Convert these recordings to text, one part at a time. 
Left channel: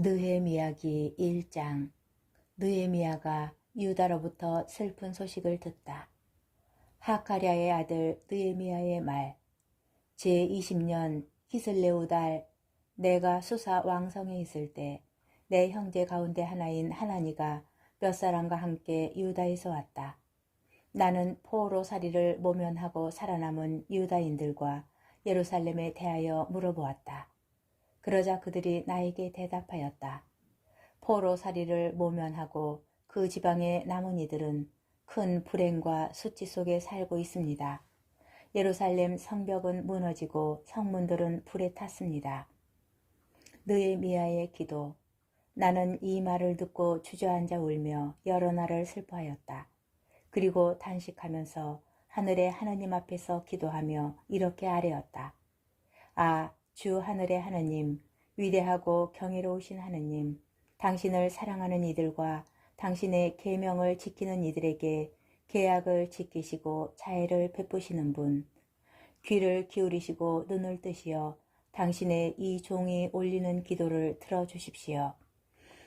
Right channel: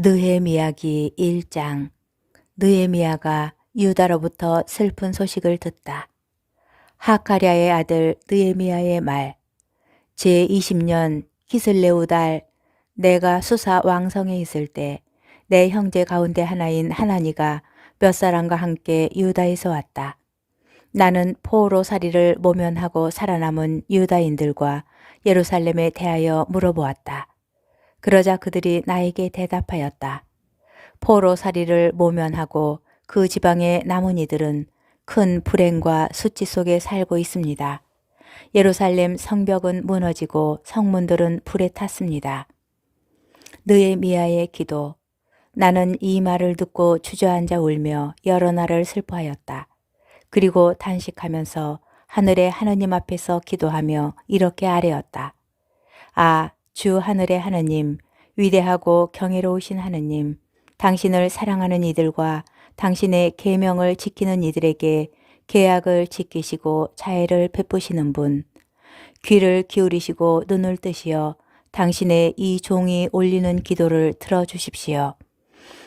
느헤미야기 1장. 느헤미야가 유다로부터 슬픈 소식을 듣다. 하카랴의 아들 느헤미야의 말. 제20년 기슬레우 달 내가 수사 왕성에 있을 때 내 형제 가운데 하나인 하나니가 몇 사람과 함께 유다에서 왔다. 나는 포로살이를 모면하고 살아남은 유다인들과 예루살렘에 대하여 물어보았다. 그러자 그들이 나에게 대답하였다. 포로살이를 모면하고 그 지방의 남은 이들은 큰 불행과 수치 속에 살고 있습니다. 예루살렘 성벽은 무너지고 성문들은 불에 탔습니다. 느헤미야의 기도. 나는 이 말을 듣고 주저앉아 울며 여러 날을 슬퍼하였다. 그리고 단식하면서 하늘의 하느님 앞에서 기도하며 이렇게 아뢰었다. 아, 주 하늘의 하느님, 위대하고 경이로우신 하느님, 당신을 사랑하는 이들과 당신의 계명을 지키는 이들에게 계약을 지키시고 자애를 베푸시는 분, 귀를 기울이시고 눈을 뜨시어 당신의 이 종이 올리는 기도를 들어주십시오.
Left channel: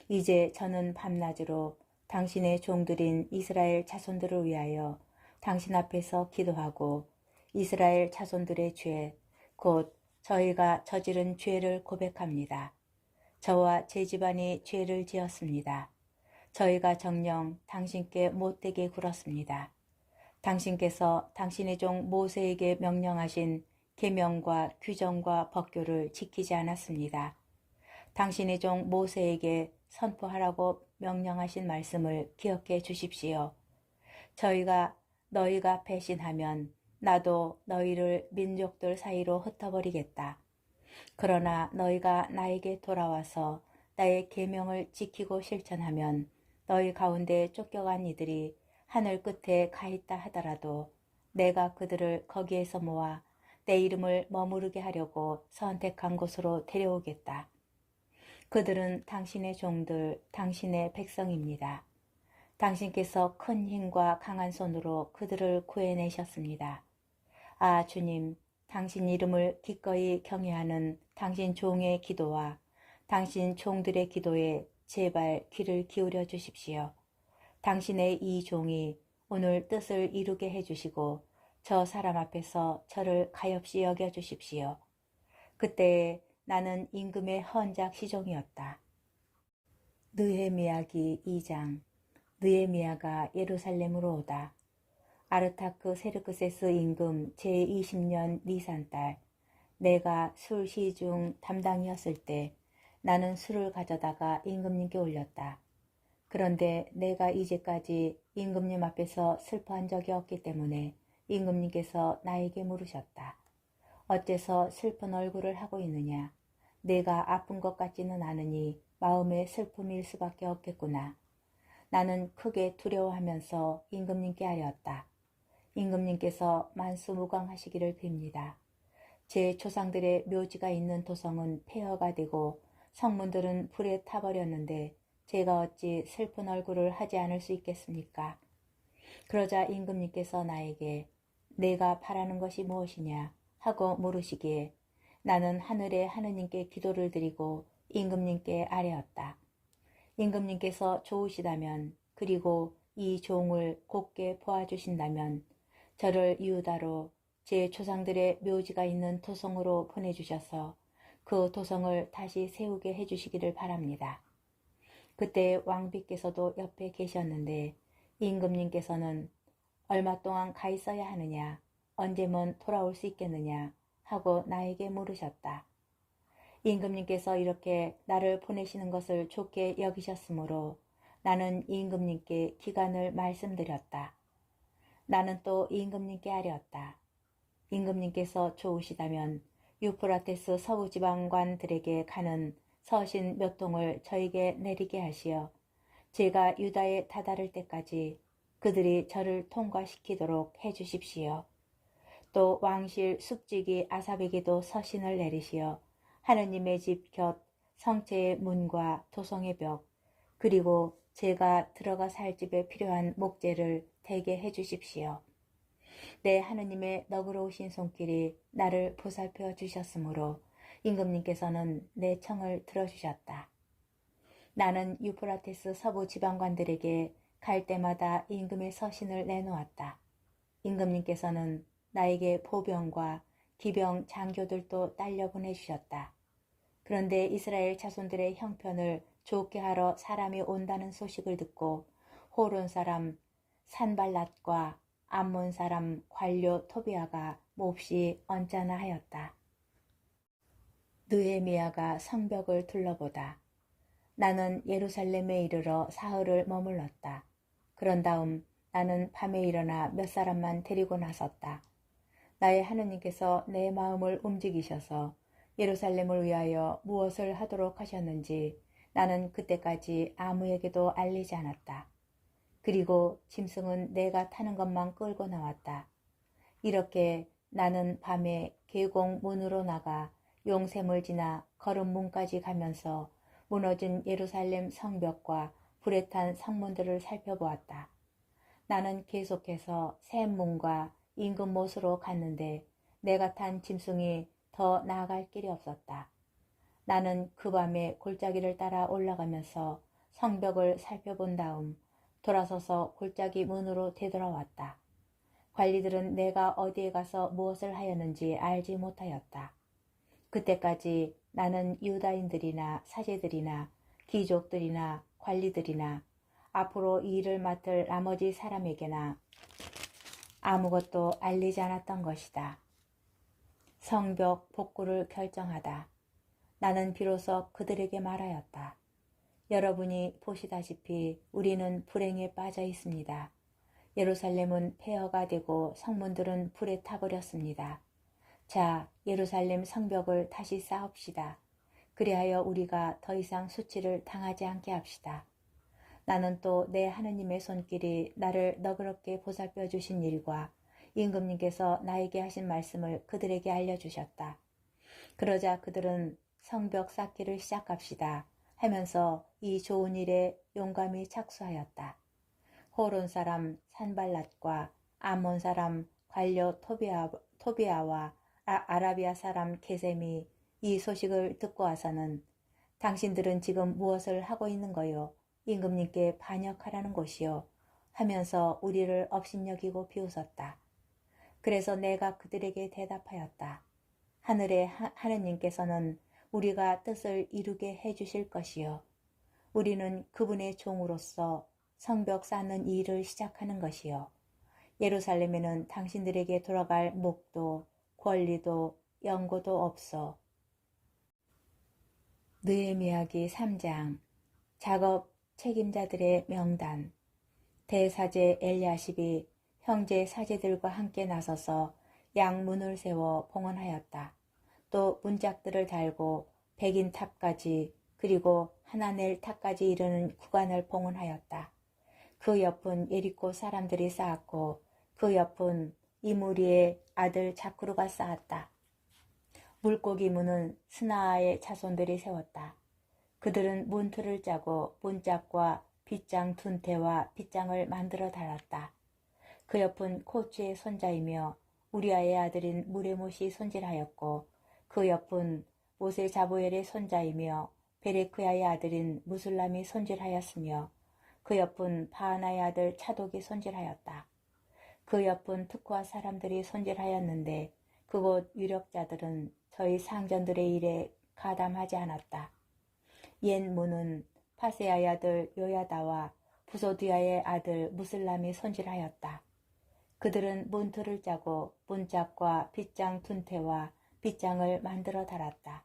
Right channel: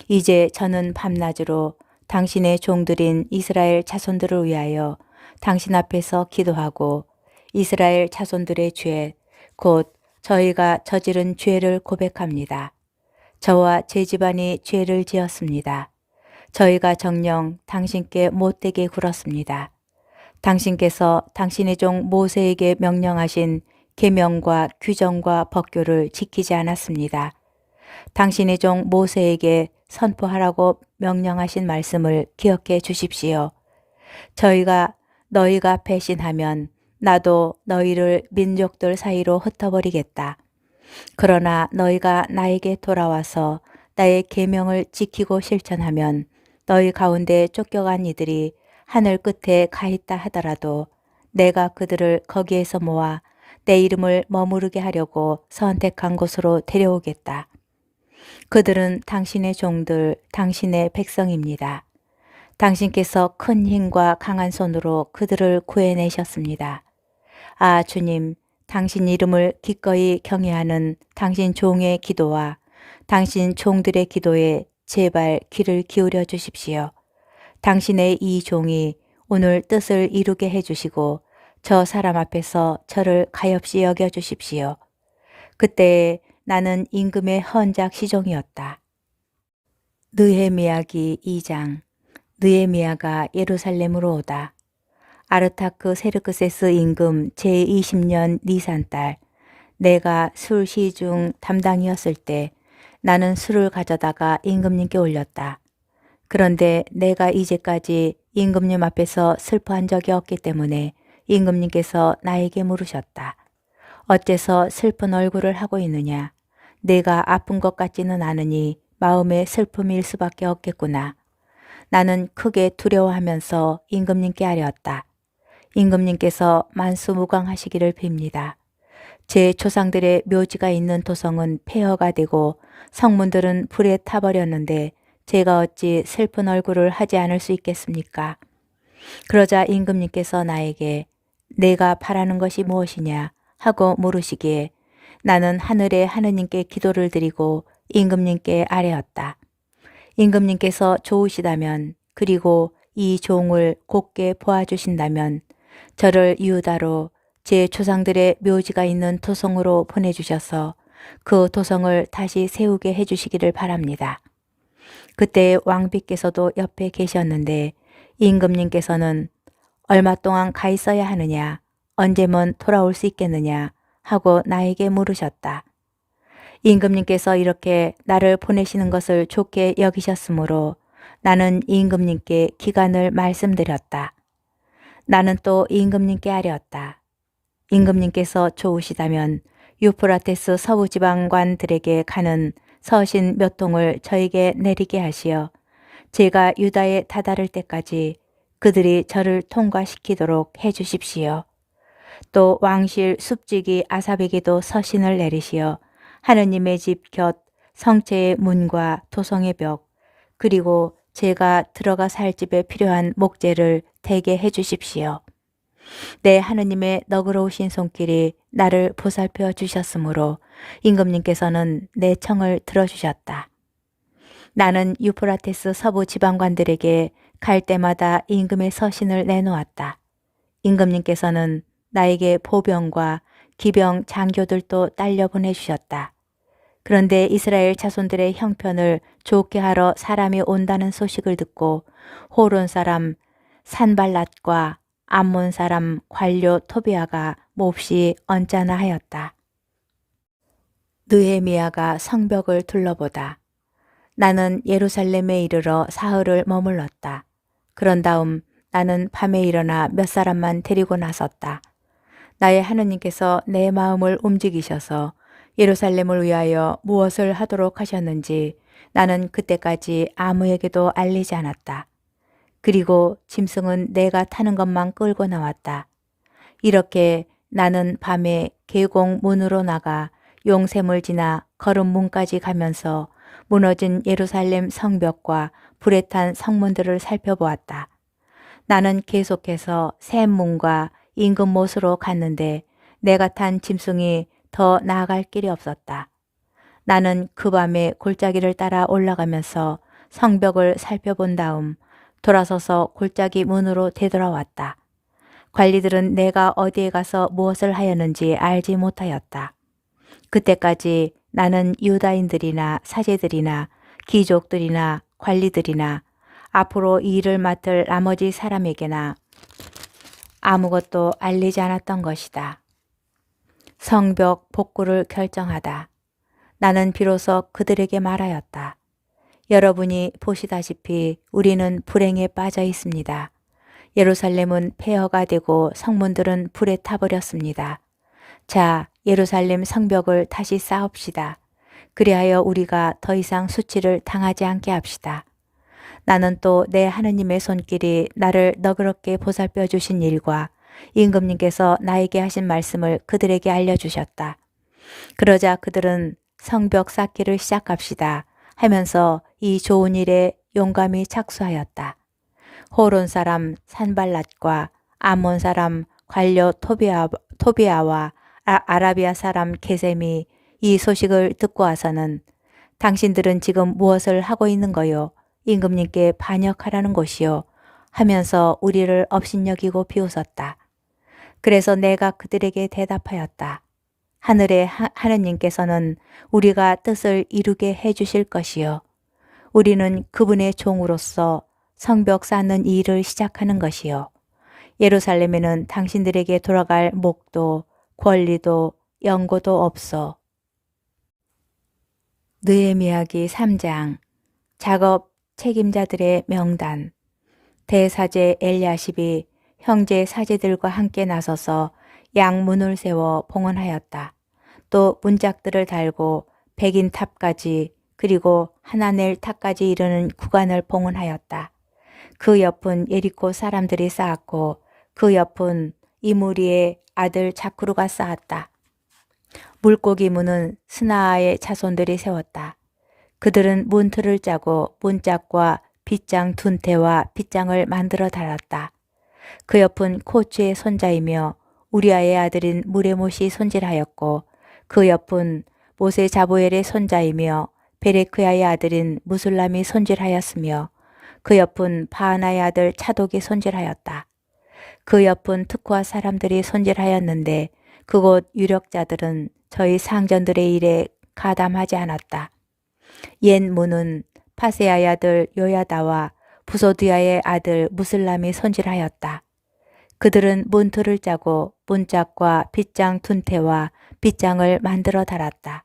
이제 저는 밤낮으로 당신의 종들인 이스라엘 자손들을 위하여 당신 앞에서 기도하고 이스라엘 자손들의 죄, 곧 저희가 저지른 죄를 고백합니다. 저와 제 집안이 죄를 지었습니다. 저희가 정녕 당신께 못되게 굴었습니다. 당신께서 당신의 종 모세에게 명령하신 계명과 규정과 법규를 지키지 않았습니다. 당신의 종 모세에게 선포하라고 명령하신 말씀을 기억해 주십시오. 너희가 배신하면 나도 너희를 민족들 사이로 흩어버리겠다. 그러나 너희가 나에게 돌아와서 나의 계명을 지키고 실천하면 너희 가운데 쫓겨간 이들이 하늘 끝에 가 있다 하더라도 내가 그들을 거기에서 모아 내 이름을 머무르게 하려고 선택한 곳으로 데려오겠다. 그들은 당신의 종들, 당신의 백성입니다. 당신께서 큰 힘과 강한 손으로 그들을 구해내셨습니다. 아, 주님, 당신 이름을 기꺼이 경외하는 당신 종의 기도와 당신 종들의 기도에 제발 귀를 기울여 주십시오. 당신의 이 종이 오늘 뜻을 이루게 해주시고 저 사람 앞에서 저를 가엾이 여겨 주십시오. 그때에 나는 임금의 헌작 시종이었다. 느헤미야기 2장. 느헤미야가 예루살렘으로 오다. 아르타크 세르크세스 임금 제20년 니산달 내가 술 시중 담당이었을 때 나는 술을 가져다가 임금님께 올렸다. 그런데 내가 이제까지 임금님 앞에서 슬퍼한 적이 없기 때문에 임금님께서 나에게 물으셨다. 어째서 슬픈 얼굴을 하고 있느냐? 내가 아픈 것 같지는 않으니 마음의 슬픔일 수밖에 없겠구나. 나는 크게 두려워하면서 임금님께 아뢰었다. 임금님께서 만수무강하시기를 빕니다. 제 조상들의 묘지가 있는 도성은 폐허가 되고 성문들은 불에 타버렸는데 제가 어찌 슬픈 얼굴을 하지 않을 수 있겠습니까? 그러자 임금님께서 나에게 내가 바라는 것이 무엇이냐 하고 물으시기에 나는 하늘의 하느님께 기도를 드리고 임금님께 아뢰었다. 임금님께서 좋으시다면 그리고 이 종을 곱게 보아주신다면 저를 유다로 제 조상들의 묘지가 있는 도성으로 보내주셔서 그 도성을 다시 세우게 해주시기를 바랍니다. 그때 왕비께서도 옆에 계셨는데 임금님께서는 얼마 동안 가 있어야 하느냐, 언제면 돌아올 수 있겠느냐 하고 나에게 물으셨다. 임금님께서 이렇게 나를 보내시는 것을 좋게 여기셨으므로 나는 임금님께 기간을 말씀드렸다. 나는 또 임금님께 아뢰었다. 임금님께서 좋으시다면 유프라테스 서부지방관들에게 가는 서신 몇 통을 저에게 내리게 하시어 제가 유다에 다다를 때까지 그들이 저를 통과시키도록 해 주십시오. 또 왕실 숲지기 아삽에게도 서신을 내리시어 하느님의 집 곁 성체의 문과 도성의 벽 그리고 제가 들어가 살 집에 필요한 목재를 대게 해 주십시오. 내 하느님의 너그러우신 손길이 나를 보살펴 주셨으므로 임금님께서는 내 청을 들어주셨다. 나는 유프라테스 서부 지방관들에게 갈 때마다 임금의 서신을 내놓았다. 임금님께서는 나에게 보병과 기병 장교들도 딸려 보내주셨다. 그런데 이스라엘 자손들의 형편을 좋게 하러 사람이 온다는 소식을 듣고 호론 사람 산발랏과 암몬 사람 관료 토비아가 몹시 언짢아 하였다. 느헤미야가 성벽을 둘러보다. 나는 예루살렘에 이르러 사흘을 머물렀다. 그런 다음 나는 밤에 일어나 몇 사람만 데리고 나섰다. 나의 하느님께서 내 마음을 움직이셔서 예루살렘을 위하여 무엇을 하도록 하셨는지 나는 그때까지 아무에게도 알리지 않았다. 그리고 짐승은 내가 타는 것만 끌고 나왔다. 이렇게 나는 밤에 계곡 문으로 나가 용샘을 지나 거름문까지 가면서 무너진 예루살렘 성벽과 불에 탄 성문들을 살펴보았다. 나는 계속해서 샘문과 임금못으로 갔는데 내가 탄 짐승이 더 나아갈 길이 없었다. 나는 그 밤에 골짜기를 따라 올라가면서 성벽을 살펴본 다음 돌아서서 골짜기 문으로 되돌아왔다. 관리들은 내가 어디에 가서 무엇을 하였는지 알지 못하였다. 그때까지 나는 유다인들이나 사제들이나 귀족들이나 관리들이나 앞으로 이 일을 맡을 나머지 사람에게나 아무것도 알리지 않았던 것이다. 성벽 복구를 결정하다. 나는 비로소 그들에게 말하였다. 여러분이 보시다시피 우리는 불행에 빠져 있습니다. 예루살렘은 폐허가 되고 성문들은 불에 타버렸습니다. 자, 예루살렘 성벽을 다시 쌓읍시다. 그리하여 우리가 더 이상 수치를 당하지 않게 합시다. 나는 또 내 하느님의 손길이 나를 너그럽게 보살펴 주신 일과 임금님께서 나에게 하신 말씀을 그들에게 알려주셨다. 그러자 그들은 성벽 쌓기를 시작합시다 하면서 이 좋은 일에 용감히 착수하였다. 호론 사람 산발랏과 암몬 사람 관료 토비아와 아라비아 사람 게셈이 이 소식을 듣고 와서는 당신들은 지금 무엇을 하고 있는 거요? 임금님께 반역하라는 것이요? 하면서 우리를 업신여기고 비웃었다. 그래서 내가 그들에게 대답하였다. 하늘의 하느님께서는 우리가 뜻을 이루게 해주실 것이요. 우리는 그분의 종으로서 성벽 쌓는 이 일을 시작하는 것이요. 예루살렘에는 당신들에게 돌아갈 목도 권리도 연고도 없어. 느헤미야기 3장. 작업 책임자들의 명단. 대사제 엘야십이 형제 사제들과 함께 나서서 양문을 세워 봉헌하였다. 또 문짝들을 달고 백인탑까지 그리고 하나넬 탑까지 이르는 구간을 봉헌하였다. 그 옆은 예리코 사람들이 쌓았고 그 옆은 이무리의 아들 자쿠루가 쌓았다. 물고기 문은 스나아의 자손들이 세웠다. 그들은 문틀을 짜고 문짝과 빗장 둔태와 빗장을 만들어 달았다. 그 옆은 코츠의 손자이며 우리아의 아들인 무레못이 손질하였고 그 옆은 모세 자보엘의 손자이며 베레크야의 아들인 무술람이 손질하였으며 그 옆은 바하나의 아들 차독이 손질하였다. 그 옆은 특화 사람들이 손질하였는데 그곳 유력자들은 저희 상전들의 일에 가담하지 않았다. 옛 문은 파세아의 아들 요야다와 부소드야의 아들 무슬람이 손질하였다. 그들은 문틀을 짜고 문짝과 빗장 둔태와 빗장을 만들어 달았다.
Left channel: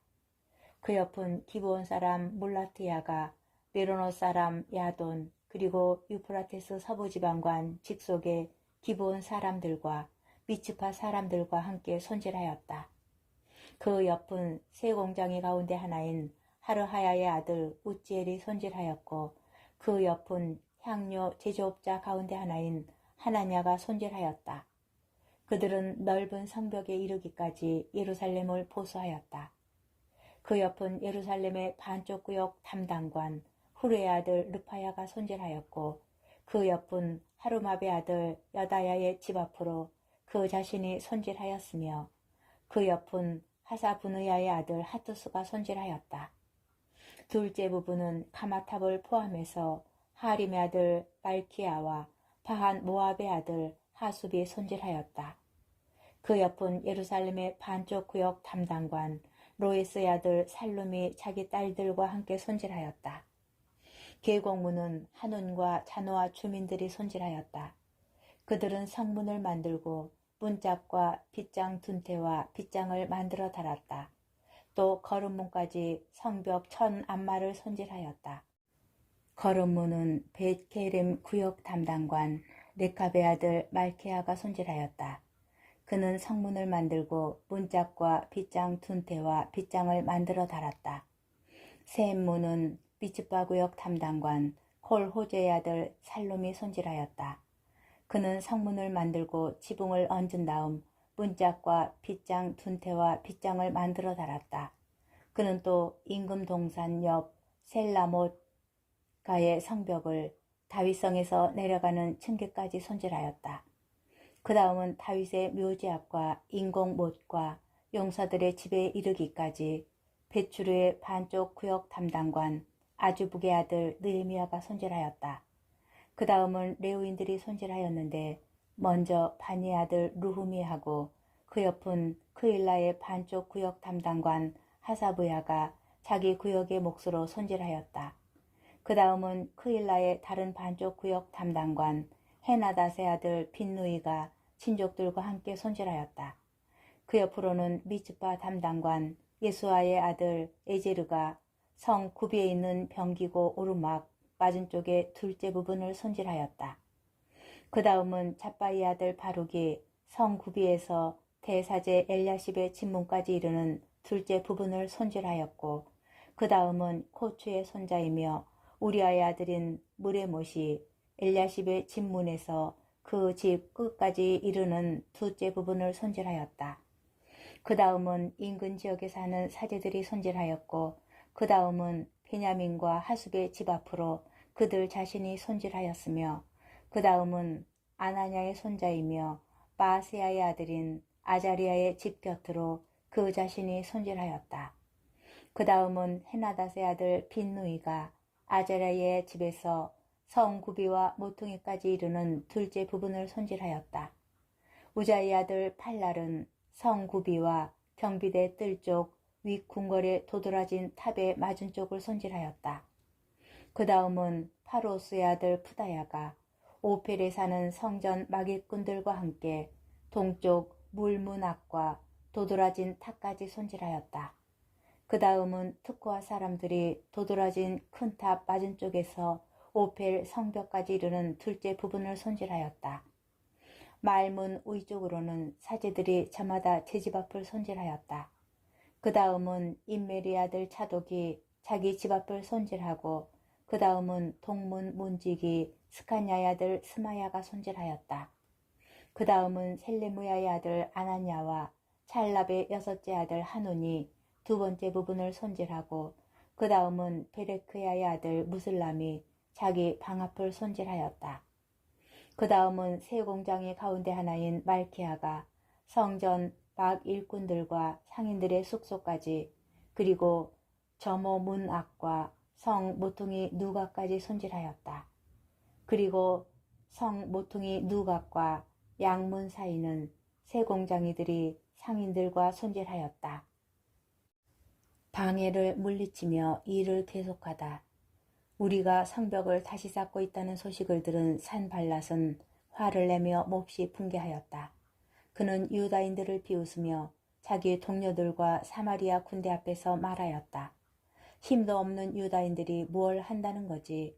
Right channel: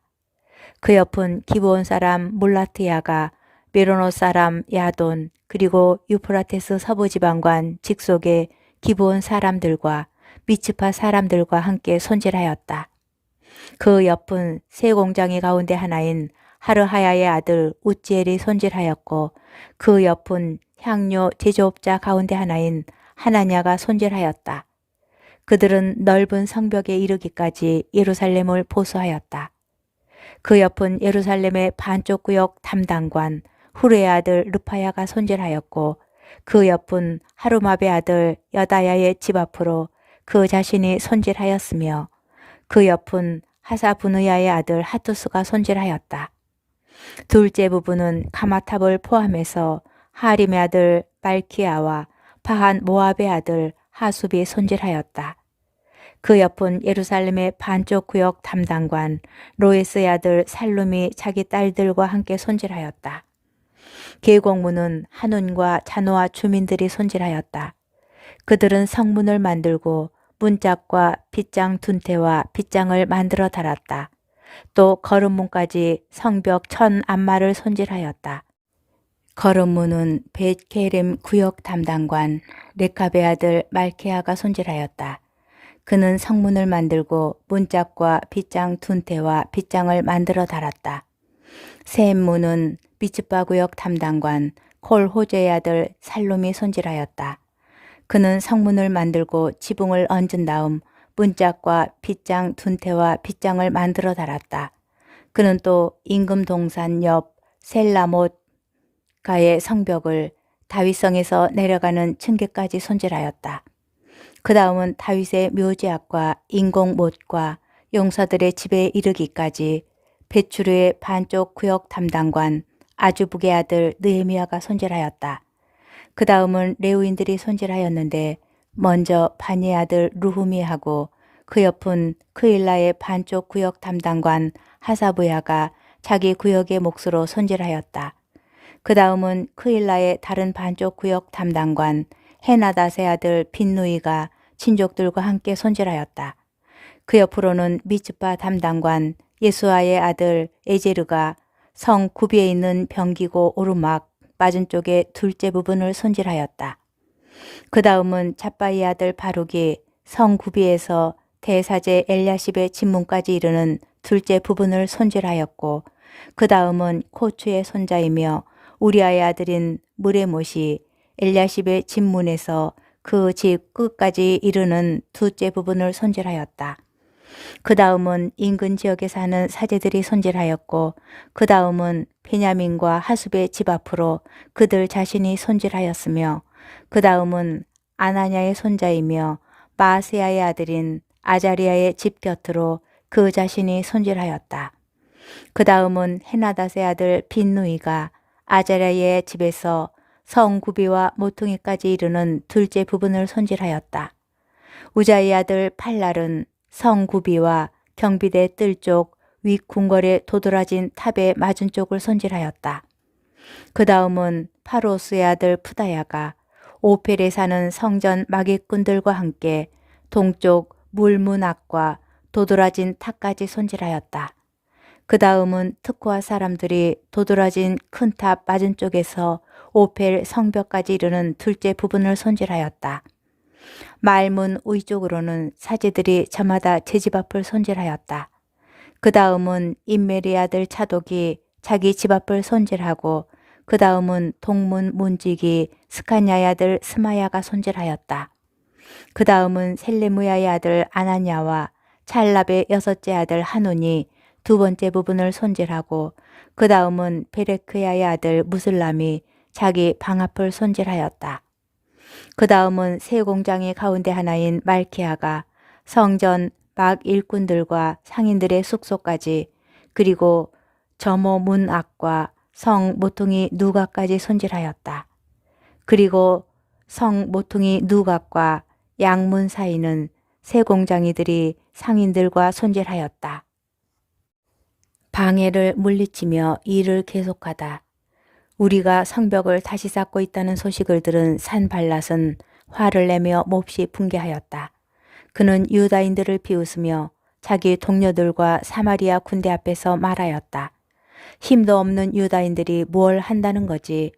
그 옆은 기브온 사람 몰라트야가 메로노 사람 야돈 그리고 유프라테스 서부지방관 직속의 기브온 사람들과 미츠파 사람들과 함께 손질하였다. 그 옆은 세 공장의 가운데 하나인 하르하야의 아들 우찌엘이 손질하였고 그 옆은 향료 제조업자 가운데 하나인 하나냐가 손질하였다. 그들은 넓은 성벽에 이르기까지 예루살렘을 보수하였다. 그 옆은 예루살렘의 반쪽 구역 담당관 후르의 아들 르파야가 손질하였고 그 옆은 하루마베 아들 여다야의 집 앞으로 그 자신이 손질하였으며 그 옆은 하사부느야의 아들 하투스가 손질하였다. 둘째 부부는 가마탑을 포함해서 하림의 아들 말키야와 바한 모압의 아들 하숲이 손질하였다. 그 옆은 예루살렘의 반쪽 구역 담당관 로에스의 아들 살룸이 자기 딸들과 함께 손질하였다. 계곡문은 한운과 자노아 주민들이 손질하였다. 그들은 성문을 만들고 문짝과 빗장 둔태와 빗장을 만들어 달았다. 또 거름문까지 성벽 1000안마를 손질하였다. 거름문은 벳케렘 구역 담당관 레카베 아들 말케아가 손질하였다. 그는 성문을 만들고 문짝과 빗장 둔태와 빗장을 만들어 달았다. 셈문은 미츠바 구역 담당관 콜호제의 아들 살롬이 손질하였다. 그는 성문을 만들고 지붕을 얹은 다음 문짝과 빗장 둔태와 빗장을 만들어 달았다. 그는 또 임금 동산 옆 셀라못 가의 성벽을 다윗성에서 내려가는 층계까지 손질하였다. 그 다음은 다윗의 묘지악과 인공못과 용사들의 집에 이르기까지 베추르의 반쪽 구역 담당관 아주북의 아들 느헤미야가 손질하였다. 그 다음은 레위인들이 손질하였는데 먼저 바니의 아들 루후미하고 그 옆은 크일라의 반쪽 구역 담당관 하사부야가 자기 구역의 몫으로 손질하였다. 그 다음은 크일라의 다른 반쪽 구역 담당관 헤나닷의 아들 빈누이가 친족들과 함께 손질하였다. 그 옆으로는 미츠바 담당관 예수아의 아들 에제르가 성 구비에 있는 병기고 오르막 맞은 쪽의 둘째 부분을 손질하였다. 그 다음은 잡바이 아들 바룩이 성 구비에서 대사제 엘야십의 집문까지 이르는 둘째 부분을 손질하였고 그 다음은 코추의 손자이며 우리아의 아들인 무레못이 엘야십의 집문에서 그 집 끝까지 이르는 둘째 부분을 손질하였다. 그 다음은 인근 지역에 사는 사제들이 손질하였고 그 다음은 베냐민과 하숲의 집 앞으로 그들 자신이 손질하였으며 그 다음은 아나냐의 손자이며 마아세야의 아들인 아자리아의 집 곁으로 그 자신이 손질하였다. 그 다음은 헤나닷의 아들 빈누이가 아자리아의 집에서 성구비와 모퉁이까지 이르는 둘째 부분을 손질하였다. 우자의 아들 팔랄은 성구비와 경비대 뜰쪽 윗궁궐에 도드라진 탑의 맞은 쪽을 손질하였다. 그 다음은 파로스의 아들 푸다야가 오펠에 사는 성전 마객꾼들과 함께 동쪽 물문 앞과 도드라진 탑까지 손질하였다. 그 다음은 특호와 사람들이 도드라진 큰 탑 맞은 쪽에서 오펠 성벽까지 이르는 둘째 부분을 손질하였다. 말문 위쪽으로는 사제들이 저마다 제 집 앞을 손질하였다. 그 다음은 임메리 아들 차독이 자기 집 앞을 손질하고 그 다음은 동문 문지기 스카냐의 아들 스마야가 손질하였다. 그 다음은 셀레무야의 아들 아나냐와 찰랍의 여섯째 아들 하논이 두 번째 부분을 손질하고 그 다음은 베레크야의 아들 무슬람이 자기 방 앞을 손질하였다. 그 다음은 세 공장의 가운데 하나인 말키아가 성전 막 일꾼들과 상인들의 숙소까지 그리고 점호 문 앞과 성 모퉁이 누각까지 손질하였다. 그리고 성 모퉁이 누각과 양문 사이는 세 공장이들이 상인들과 손질하였다. 방해를 물리치며 일을 계속하다. 우리가 성벽을 다시 쌓고 있다는 소식을 들은 산발랏은 화를 내며 몹시 분개하였다. 그는 유다인들을 비웃으며 자기 동료들과 사마리아 군대 앞에서 말하였다. 힘도 없는 유다인들이 뭘 한다는 거지.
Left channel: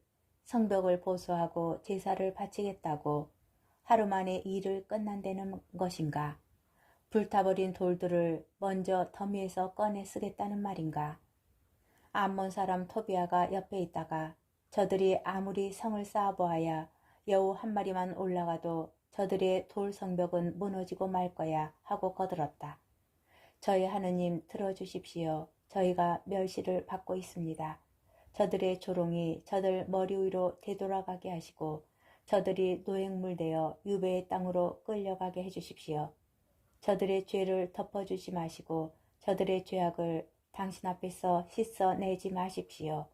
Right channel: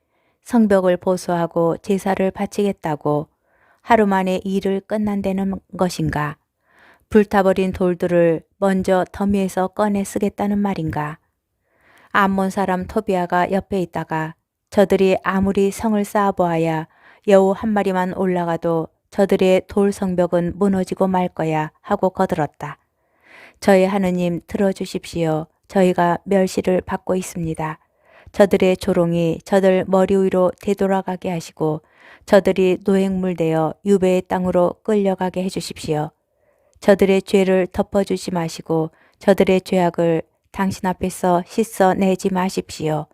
성벽을 보수하고 제사를 바치겠다고 하루 만에 일을 끝난다는 것인가. 불타버린 돌들을 먼저 더미에서 꺼내 쓰겠다는 말인가. 암몬 사람 토비아가 옆에 있다가 저들이 아무리 성을 쌓아보아야 여우 한 마리만 올라가도 저들의 돌 성벽은 무너지고 말 거야 하고 거들었다. 저희 하느님 들어주십시오. 저희가 멸시를 받고 있습니다. 저들의 조롱이 저들 머리 위로 되돌아가게 하시고 저들이 노획물 되어 유배의 땅으로 끌려가게 해주십시오. 저들의 죄를 덮어주지 마시고 저들의 죄악을 당신 앞에서 씻어내지 마십시오.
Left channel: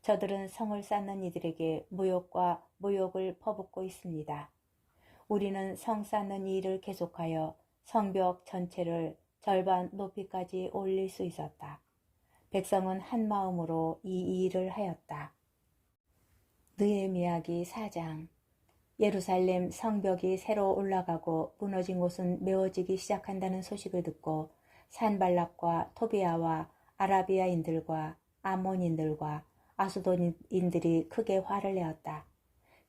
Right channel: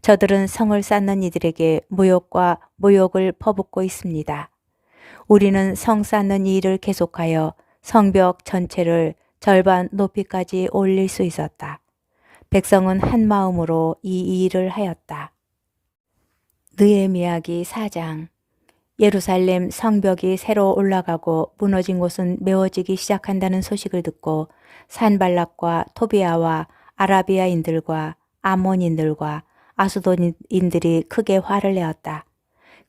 저들은 성을 쌓는 이들에게 모욕과 모욕을 퍼붓고 있습니다. 우리는 성 쌓는 이 일을 계속하여 성벽 전체를 절반 높이까지 올릴 수 있었다. 백성은 한 마음으로 이 일을 하였다. 느헤미야기 4장. 예루살렘 성벽이 새로 올라가고 무너진 곳은 메워지기 시작한다는 소식을 듣고 산발락과 토비아와 아라비아인들과 아몬인들과 아수돈인들이 크게 화를 내었다.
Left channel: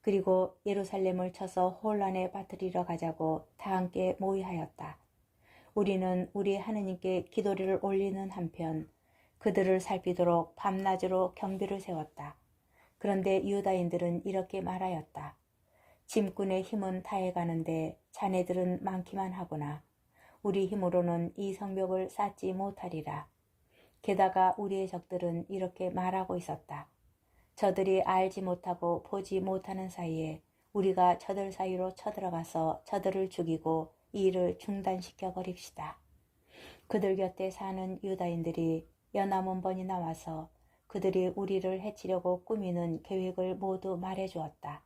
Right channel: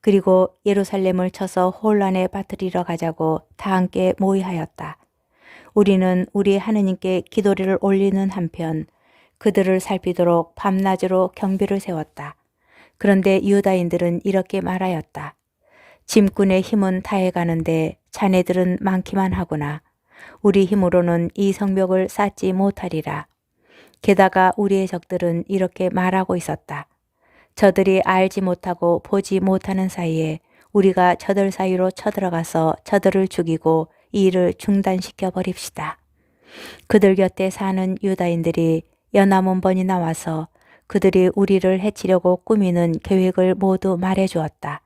그리고 예루살렘을 쳐서 혼란에 빠뜨리러 가자고 다 함께 모의하였다. 우리는 우리 하느님께 기도를 올리는 한편 그들을 살피도록 밤낮으로 경비를 세웠다. 그런데 유다인들은 이렇게 말하였다. 짐꾼의 힘은 다해가는데 자네들은 많기만 하구나. 우리 힘으로는 이 성벽을 쌓지 못하리라. 게다가 우리의 적들은 이렇게 말하고 있었다. 저들이 알지 못하고 보지 못하는 사이에 우리가 저들 사이로 쳐들어가서 저들을 죽이고 이 일을 중단시켜 버립시다. 그들 곁에 사는 유다인들이 연합 번이 나와서 그들이 우리를 해치려고 꾸미는 계획을 모두 말해 주었다.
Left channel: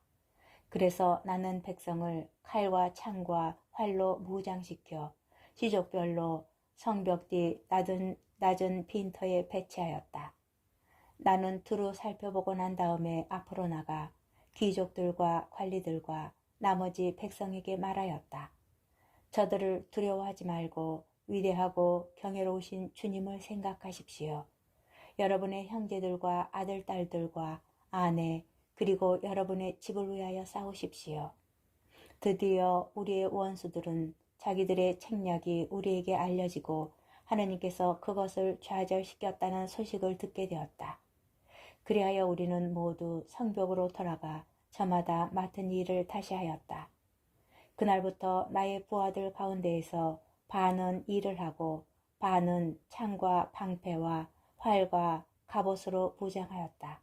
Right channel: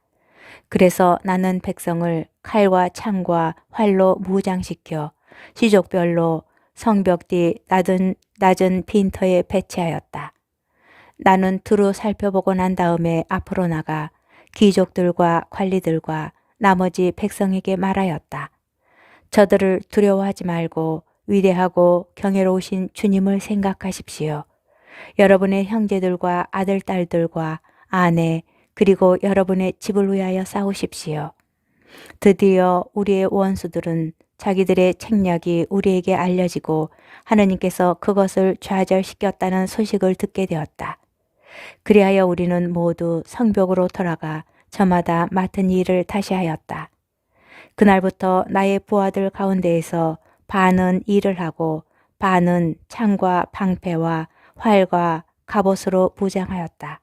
그래서 나는 백성을 칼과 창과 활로 무장시켜 시족별로 성벽 뒤 낮은 빈터에 배치하였다. 나는 두루 살펴보고 난 다음에 앞으로 나가 귀족들과 관리들과 나머지 백성에게 말하였다. 저들을 두려워하지 말고 위대하고 경외로우신 주님을 생각하십시오. 여러분의 형제들과 아들, 딸들과 아내, 그리고 여러분의 집을 위하여 싸우십시오. 드디어 우리의 원수들은 자기들의 책략이 우리에게 알려지고 하느님께서 그것을 좌절시켰다는 소식을 듣게 되었다. 그리하여 우리는 모두 성벽으로 돌아가 저마다 맡은 일을 다시 하였다. 그날부터 나의 부하들 가운데에서 반은 일을 하고 반은 창과 방패와 활과 갑옷으로 무장하였다.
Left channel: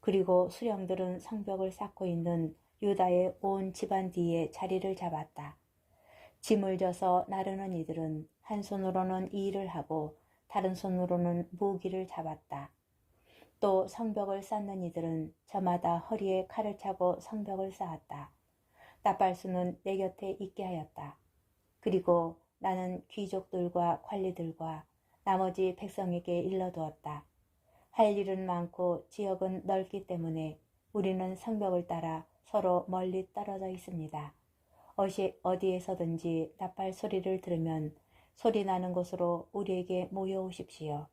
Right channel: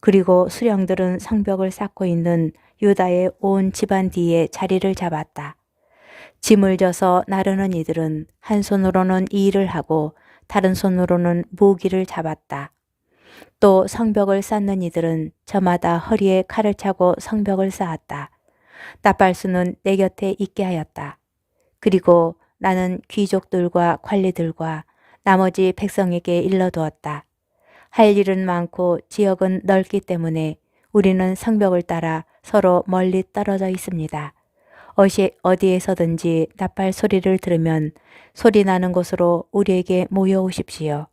그리고 수령들은 성벽을 쌓고 있는 유다의 온 집안 뒤에 자리를 잡았다. 짐을 져서 나르는 이들은 한 손으로는 이 일을 하고 다른 손으로는 무기를 잡았다. 또 성벽을 쌓는 이들은 저마다 허리에 칼을 차고 성벽을 쌓았다. 나팔수는 내 곁에 있게 하였다. 그리고 나는 귀족들과 관리들과 나머지 백성에게 일러두었다. 할 일은 많고 지역은 넓기 때문에 우리는 성벽을 따라 서로 멀리 떨어져 있습니다. 어디에서든지 나팔 소리를 들으면 소리 나는 곳으로 우리에게 모여오십시오.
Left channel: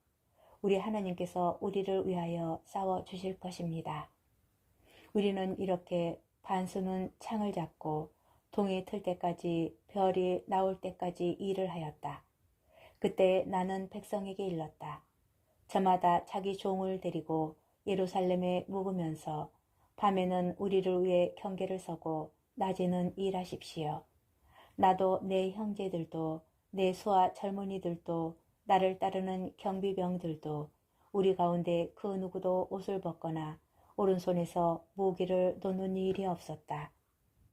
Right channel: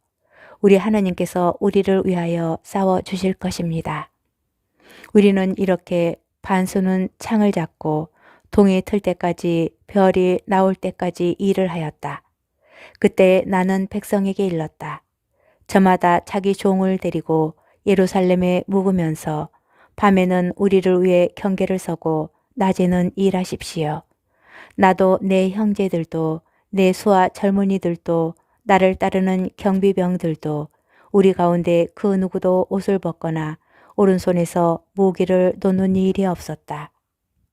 우리 하나님께서 우리를 위하여 싸워 주실 것입니다. 우리는 이렇게 반수는 창을 잡고 동이 틀 때까지 별이 나올 때까지 일을 하였다. 그때 나는 백성에게 일렀다. 저마다 자기 종을 데리고 예루살렘에 묵으면서 밤에는 우리를 위해 경계를 서고 낮에는 일하십시오. 나도 내 형제들도 내 수하 젊은이들도 나를 따르는 경비병들도 우리 가운데 그 누구도 옷을 벗거나 오른손에서 무기를 놓는 일이 없었다.